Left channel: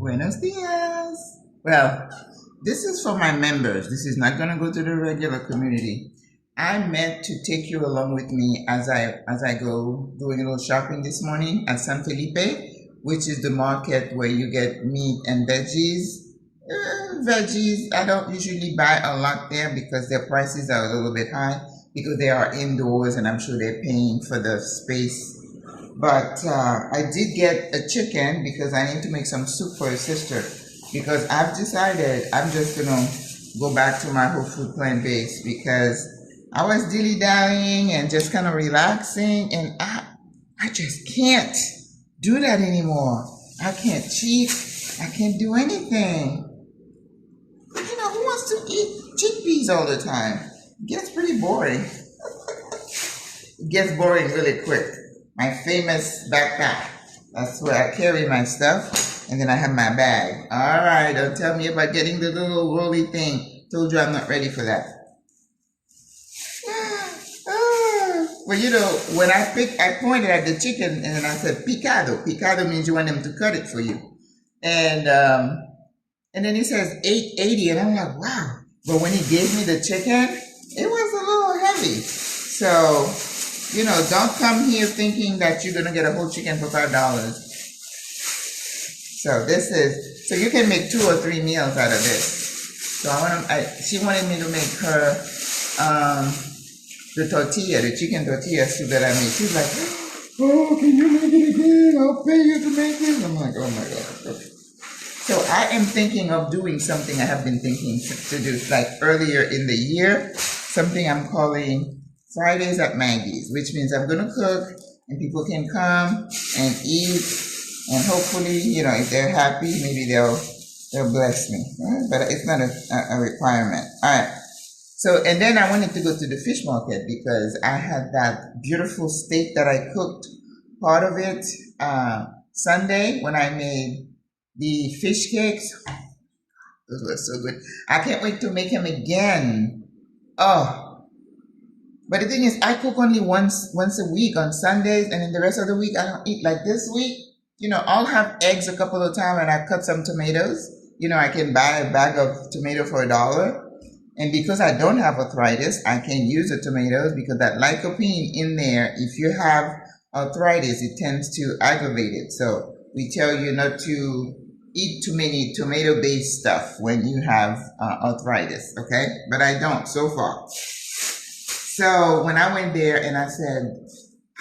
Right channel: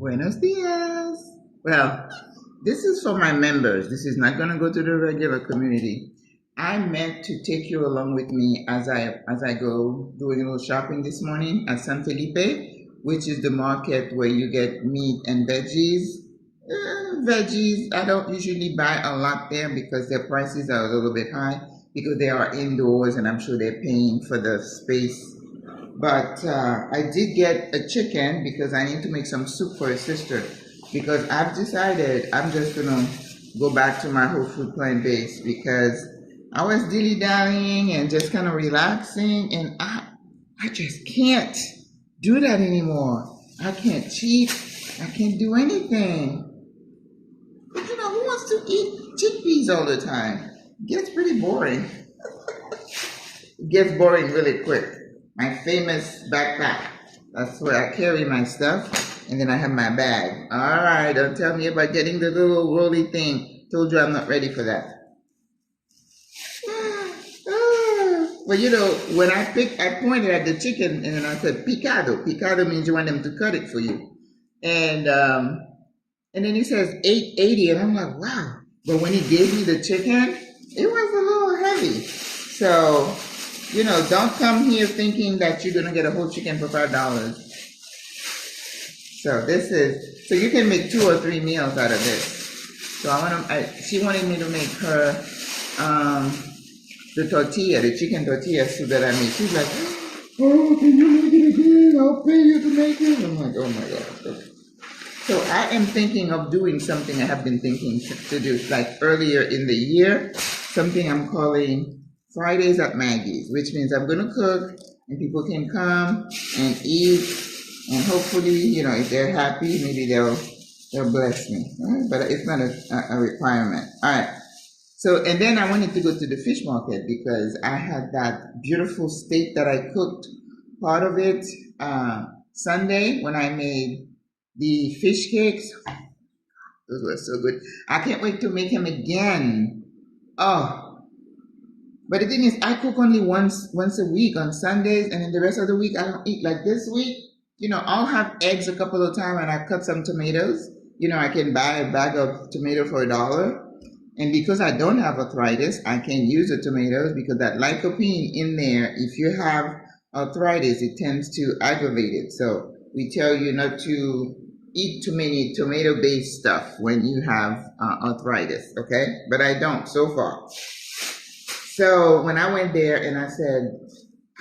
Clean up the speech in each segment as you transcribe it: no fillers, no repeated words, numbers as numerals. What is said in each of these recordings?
Buenos dias. Well, this is for my members. This is not going to go to the regular community. I meant to take you along with me as I go doing a little shopping this morning at San Felipe, which is the market where you get meat and veggies. Veggies, I don't usually buy a lot there because their prices are a little bit high because they are indoors and I'm sure they're paying for the space. But I did get a chicken because I need to make some soup for a sister. Because I've decided I'm just gonna go back to my whole food plant-based because I was dilly-dallying and just kind of relaxing, and I just can't do that anymore. I can't cheat. I can't do anything. But who wants to eat chickpeas all the time? It gets pretty boring. It gets boring really quick. My famous backpack. That's where I carry my stuff. And then I have my bag. All right, don't tell me about getting the little rolly thing. Told you I'm not ready for that. Well, when I pointed at the chicken and I said picado. Picado means you want them to cut it for you. And then he says $8.80, and I'm like, wow. But when he gave me the chicken, it was a little heavy. So, don't come here thinking that you're gonna get a whole chicken for $5. So so you can make 2 or 3 meals out of this. So she wanted me to make her the chicken tortilla soup that I made. She's like, oh, can you make it again? I'll pay you to make it. I'm like, oh my God. So I am thinking of doing something I have been thinking to do, like earlier in the year, something I'm calling Fridays at Maggie's, which means I'm going to cook and people can come and eat. And hopefully, if they're happy, maybe they'll bless me. Right? But it's not a requirement. All right. So, and then I wanted to go to the fish market because I had that beautiful steak that I cooked, part of it Sunday when I made the fish cakes. Those were so good. I can't wait to make them again. Oh. But the thing is, I cook only once a week on Sundays, and then the rest of the week I don't eat. Like this week, I'll have eggs a couple of times and I cut some tomatoes. I can buy a bag of tomato for $1. And because I don't have arthritis, I can use the tomatoes because that lycopene in there, if you have arthritis, it tends to aggravate it. So we tell you not to eat too many tomato-based stuff when you have arthritis, okay? But I don't so far. So when I went there and I said,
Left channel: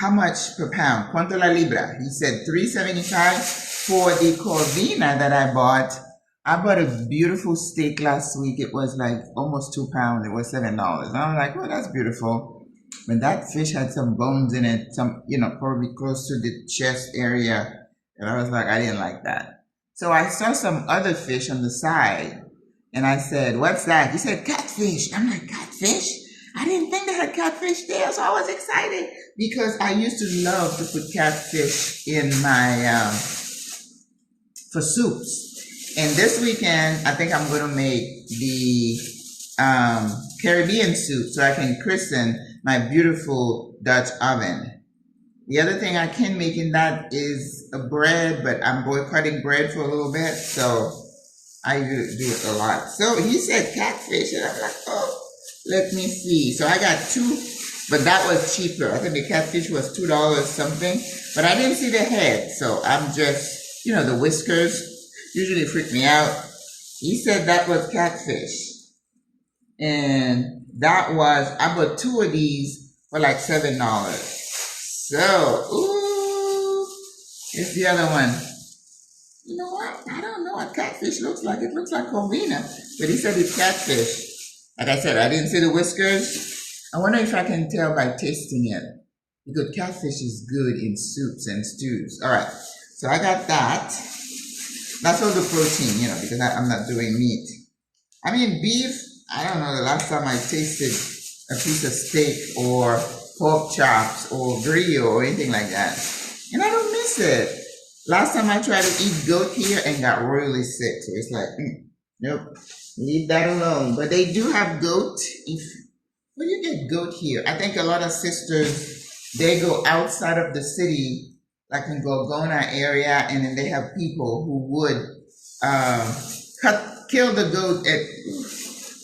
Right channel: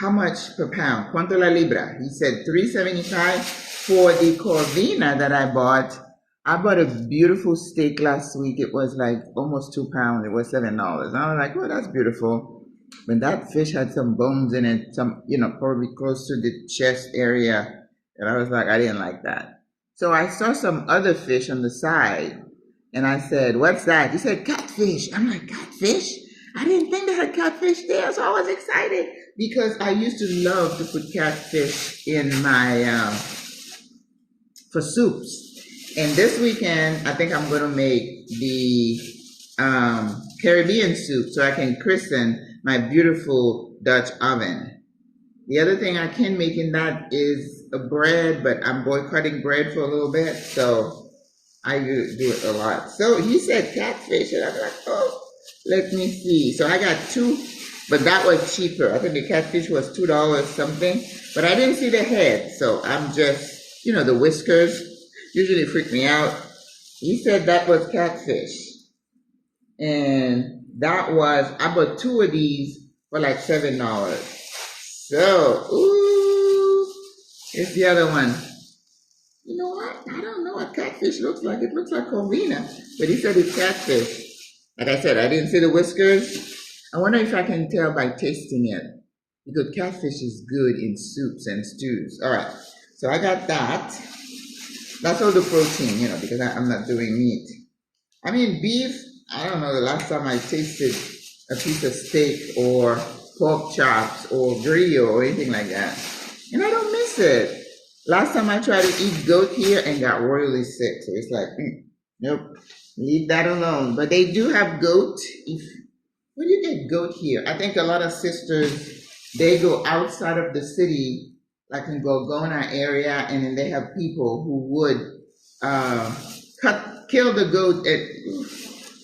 how much per pound? ¿Cuánto la libra? He said $3.75 for the corvina that I bought. I bought a beautiful steak last week. It was like almost 2 pounds. It was $7. And I was like, well, that's beautiful. But that fish had some bones in it, probably close to the chest area. And I was like, I didn't like that. So I saw some other fish on the side. And I said, what's that? He said, catfish. I'm like, catfish? I didn't think they had catfish there, so I was excited because I used to love to put catfish in my, for soups. And this weekend, I think I'm going to make the Caribbean soup so I can christen my beautiful Dutch oven. The other thing I can make in that is a bread, but I'm boycotting bread for a little bit, so I do it a lot. So he said catfish, and I'm like, oh. Let me see. So I got 2, but that was cheaper. I think the catfish was $2 something, but I didn't see the head. So I'm just, the whiskers usually freak me out. He said that was catfish. And I bought 2 of these for like $7. So, ooh, here's the other one. You know what? I don't know what catfish looks like. It looks like corvina, but he said it's catfish. Like I said, I didn't see the whiskers. I wonder if I can tell by tasting it. Because catfish is good in soups and stews. All right. So I got that. That's all the protein, because I'm not doing meat. I mean, beef, I don't know the last time I tasted a piece of steak or pork chops or grill or anything like that. And I don't miss it. Last time I tried to eat goat here and got royally sick. So it's like, nope. Leave that alone. But they do have goat. Where do you get goat here? I think a lot of sisters, they go outside of the city like in Gorgona area, and then they have people who would kill the goat at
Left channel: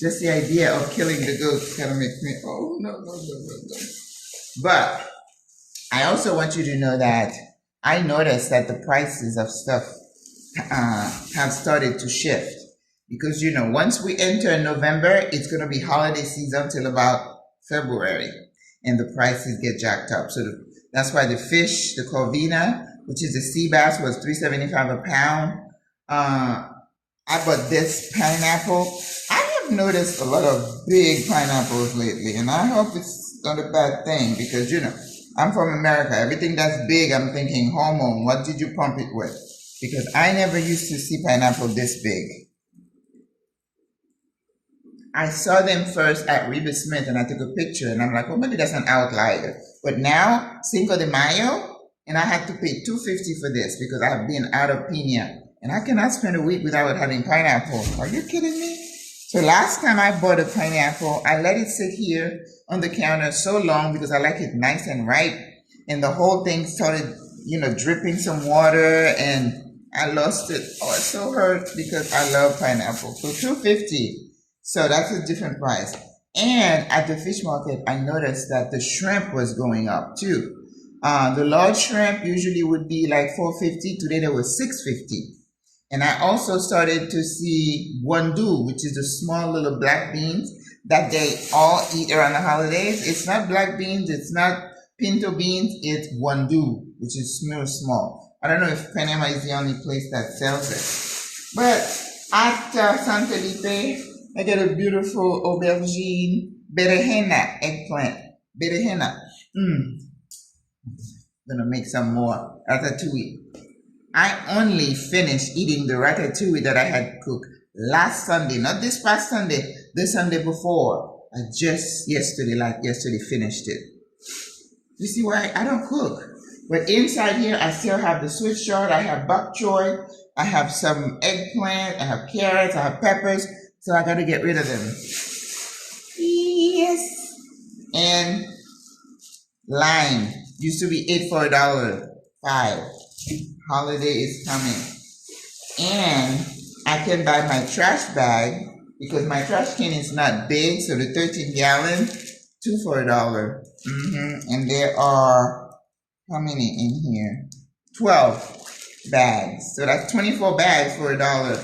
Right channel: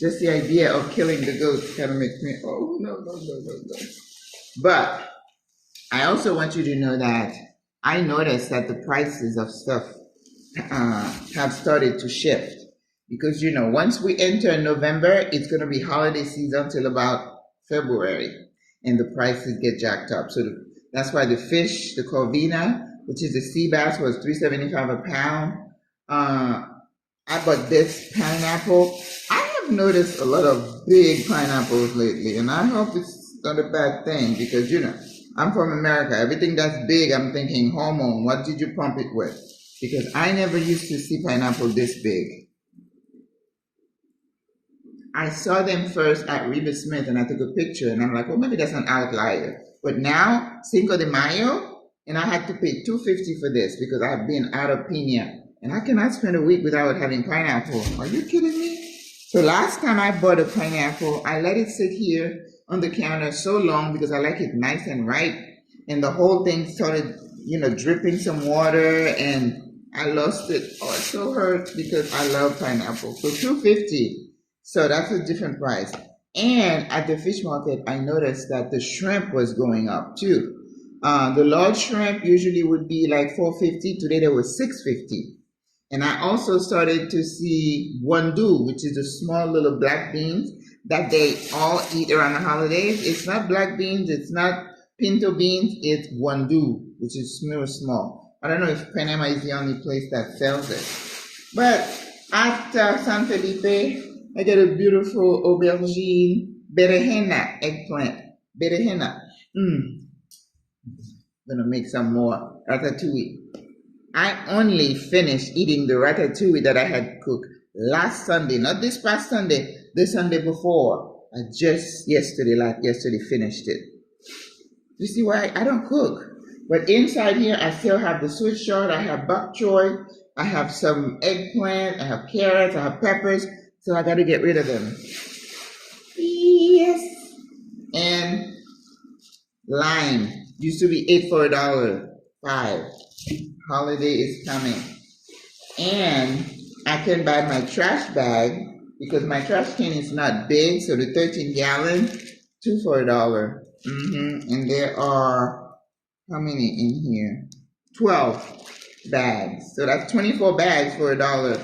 just the idea of killing the goat kind of makes me, oh, no, no, no, no, no. But I also want you to know that I noticed that the prices of stuff have started to shift. Because, you know, once we enter November, it's going to be holiday season till about February. And the prices get jacked up. So that's why the fish, the corvina, which is the sea bass, was $3.75 a pound. I bought this pineapple. I have noticed a lot of big pineapples lately, and I hope it's not a bad thing because, you know, I'm from America. Everything that's big, I'm thinking hormone. What did you pump it with? Because I never used to see pineapple this big. I saw them first at Reba Smith, and I took a picture, and I'm like, well, maybe that's an outlier. But now, Cinco de Mayo, and I had to pay $2.50 for this because I've been out of piña. And I cannot spend a week without having pineapple. Are you kidding me? So last time I bought a pineapple, I let it sit here on the counter so long because I like it nice and ripe. And the whole thing started, you know, dripping some water, and I lost it. Oh, it so hurt because I love pineapple. So $2.50. So that's a different price. And at the fish market, I noticed that the shrimp was going up too. The large shrimp usually would be like $4.50. Today there was $6.50. And I also started to see wandu, which is the small little black beans that they all eat around the holidays. It's not black beans, it's not pinto beans, it's wandu, which is small. I don't know if Panama is the only place that sells it. But at San Felipe, I get a beautiful aubergine, berenjena eggplant. Berenjena. Gonna make some more ratatouille. I only finished eating the ratatouille that I had cooked last Sunday, not this past Sunday, the Sunday before. I just yesterday finished it. You see why I don't cook? But inside here, I still have the Swiss chard, I have bok choy, I have some eggplant, I have carrots, I have peppers, so I gotta get rid of them. Yes. And lime used to be 8 for $1.05. Holiday is coming. And I can buy my trash bag because my trash can is not big, so the 13-gallon, 2 for $1. And there are, how many in here? 12 bags. So that's 24 bags for $1.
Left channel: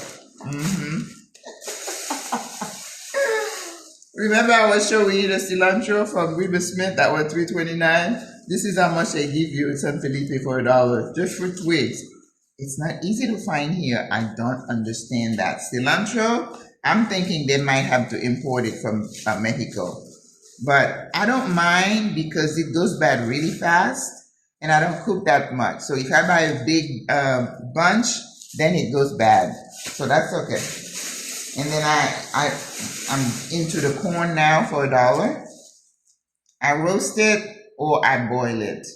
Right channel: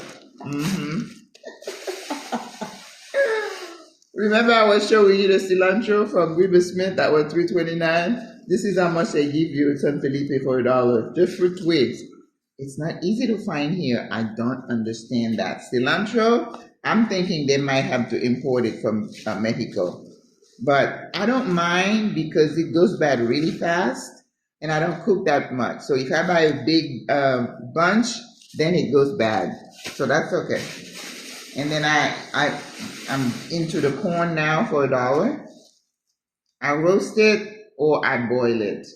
Remember I was showing you the cilantro from Reba Smith that was $3.29? This is how much they give you in San Felipe for $1, just for twigs. It's not easy to find here. I don't understand that. Cilantro, I'm thinking they might have to import it from Mexico. But I don't mind because it goes bad really fast and I don't cook that much. So if I buy a big bunch, then it goes bad. So that's okay. And then I'm into the corn now for $1. I roast it or I boil it.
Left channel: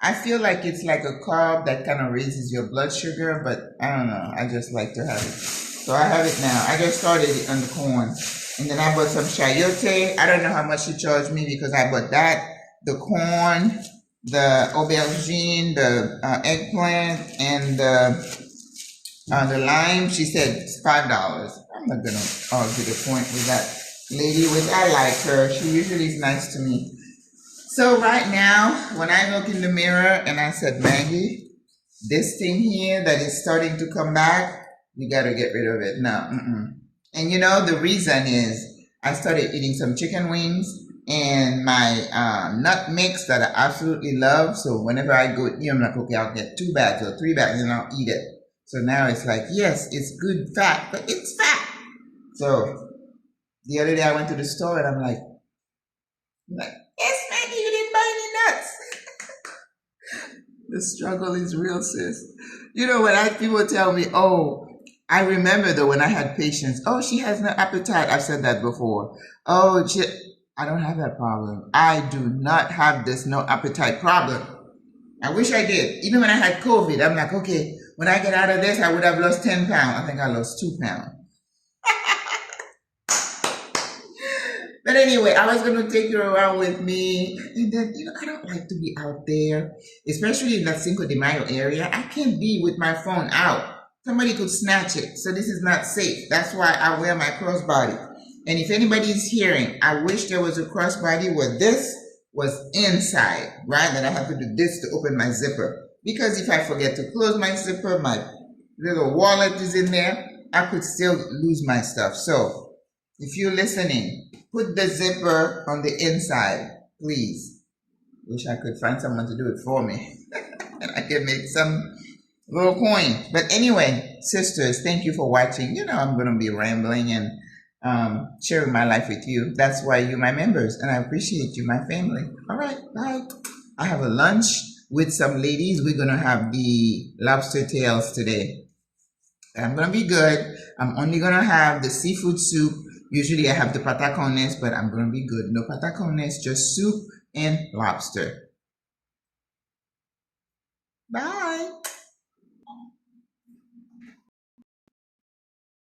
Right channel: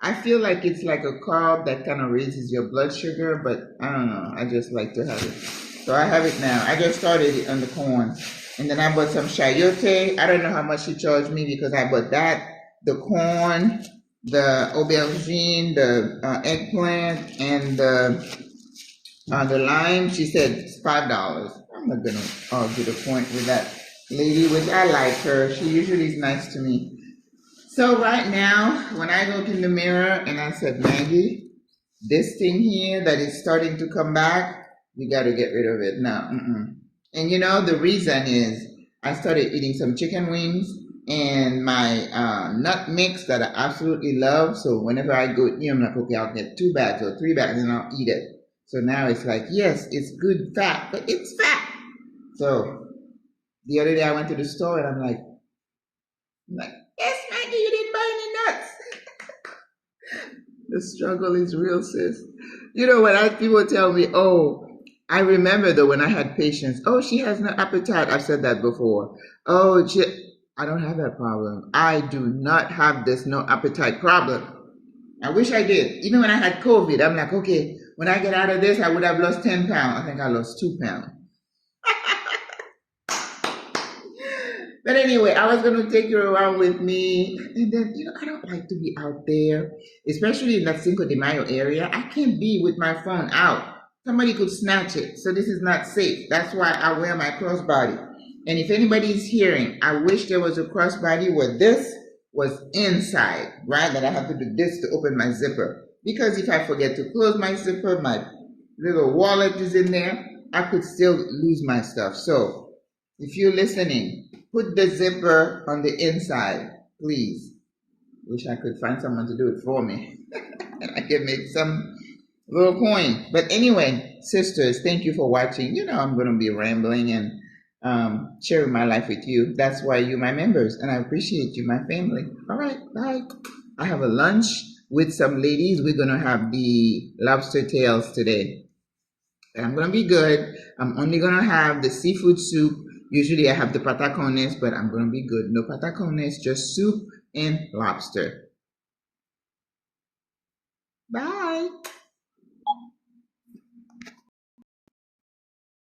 I feel like it's like a carb that kind of raises your blood sugar, but I don't know. I just like to have it. So I have it now. I just started it on the corn. And then I bought some chayote. I don't know how much she charged me because I bought that, the corn, the aubergine, the eggplant, and the lime. She said it's $5. I'm not going to argue the point with that lady, which I like her. She usually is nice to me. So right now, when I look in the mirror and I said, Maggie, this thing here that is starting to come back, you got to get rid of it. No, And you know, the reason is I started eating some chicken wings and my nut mix that I absolutely love. So whenever I go, I'm like, okay, I'll get 2 bags or 3 bags and I'll eat it. So now it's like, yes, it's good fat, but it's fat. So the other day I went to the store and I'm like, yes, Maggie, you didn't buy any nuts. The struggle is real, sis. You know, when people tell me, oh, I remember though when I had patients, oh, she has no appetite. I've said that before. Oh, I don't have that problem. I do not have this no appetite problem. I wish I did. Even when I had COVID, I'm like, okay, when I get out of this, I would have lost 10 pounds. I think I lost 2 pounds. But anyway, I was going to take you around with me. And then, I don't like to be out there, especially in that Cinco de Mayo area. I can't be with my phone out. Somebody could snatch it. So this is not safe. That's why I wear my crossbody. And if anybody is hearing, I wish there was a crossbody where this was inside, right? That I have to do this to open my zipper. Because if I forget to close my zipper, my little wallet is in there, I could still lose my stuff. So if you're listening, put the zipper on the inside, please. Wish I could find someone to do it for me. And I can make some little coin. But anyway, sisters, thank you for watching. I'm going to be rambling and sharing my life with you. That's why you're my members, and I appreciate you, my family. All right, bye. I have a lunch with some ladies. We're going to have the lobster tails today. I'm going to be good. I'm only going to have the seafood soup. Usually I have the patacones, but I'm going to be good. No patacones, just soup and lobster. Bye.